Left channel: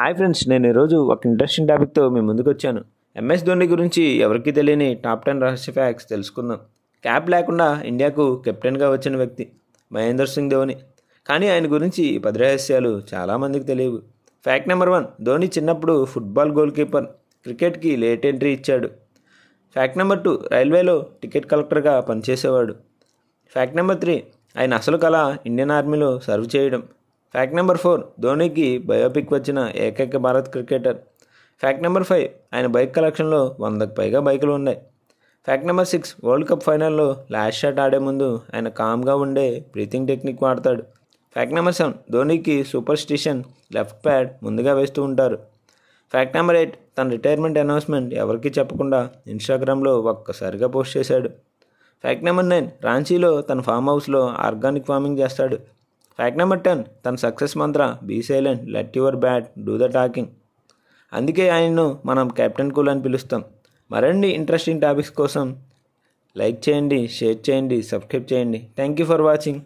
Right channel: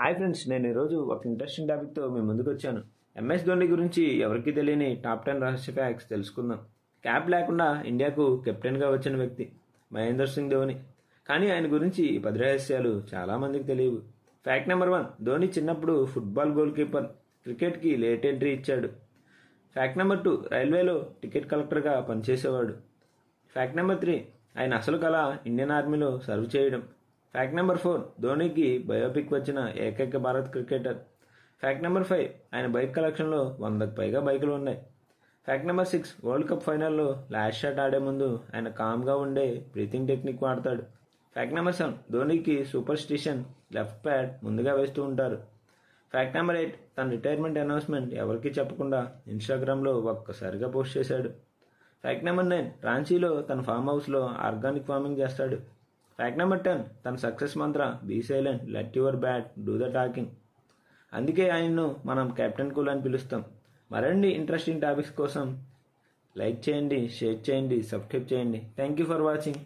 Hi friends, నేను ఈరోజు ఒక ఇంట్రెస్టింగ్ టాపిక్తో మీ ముందుకు వచ్చాను. ఎంఎస్ ధోని గురించి ఎవరికీ తెలియని టాప్ 10 రహస్య ఫ్యాక్ట్స్ తెలుసుకుందాం. క్యాప్ లేకుండా ఇండియాకు కెప్టెన్గా వచ్చిన వ్యక్తి మహేందర్ సింగ్ ధోని. కానీ ఆయన గురించి 10 రహస్యాలు చాలామందికి తెలియవు. ఫ్యాక్ట్ నెంబర్ 1, ధోని చిన్నప్పుడు ఫుట్బాల్ గోల్ కీపర్, క్రికెట్కి లేట్ ఎంట్రీ ఇచ్చాడు. ఫ్యాక్ట్ నెంబర్ 2, రైల్వేలో టికెట్ కలెక్టర్గా పనిచేసేవాడు. ఫ్యాక్ట్ నెంబర్ 3, ఆయన అసలు కళ ఇండియన్ ఆర్మీలో సర్వ్ చేయడం. ఫ్యాక్ట్ నెంబర్ 4, ధోనికి బయోపిక్ వచ్చిన ఏకైక భారత్ క్రికెటర్. ఫ్యాక్ట్ నెంబర్ 5, ఆయన బైక్ కలెక్షన్లో 100కు పైగా బైకులు ఉన్నాయి. ఫ్యాక్ట్ నెంబర్ 6, వరల్డ్ కప్ ఫైనల్లో లాస్ట్ షాట్ ఆడే ముందు ఆయన కామ్గా ఉండే బ్రీతింగ్ టెక్నిక్ వాడతాడు. ఫ్యాక్ట్ నెంబర్ 7, ధోనికి సూపర్ స్టిషన్ లెఫ్ట్ ప్యాడ్ ముందుగా వేస్తూ ఉంటారు. ఫ్యాక్ట్ నెంబర్ 8, తన రిటైర్మెంట్ అనౌన్స్మెంట్ ఎవరికీ చెప్పకుండా ఇన్స్టాగ్రామ్లో ఒక్కసారిగా పోస్ట్ చేశాడు. ఫ్యాక్ట్ నెంబర్ 9, రాంచీలో తన ఫామ్ హౌస్లో ఆర్గానిక్ ఫార్మింగ్ చేస్తాడు. ఫ్యాక్ట్ నెంబర్ 10, తన success mantra be silent let your bat do the talking. అందుకే ఆయన్ను మనం కెప్టెన్ కూల్ అని పిలుస్తాం. మరిన్ని ఇంట్రెస్టింగ్ టాపిక్స్ కోసం లైక్ చేయండి, షేర్ చేయండి, సబ్స్క్రైబ్ చేయండి. Thank you for watching.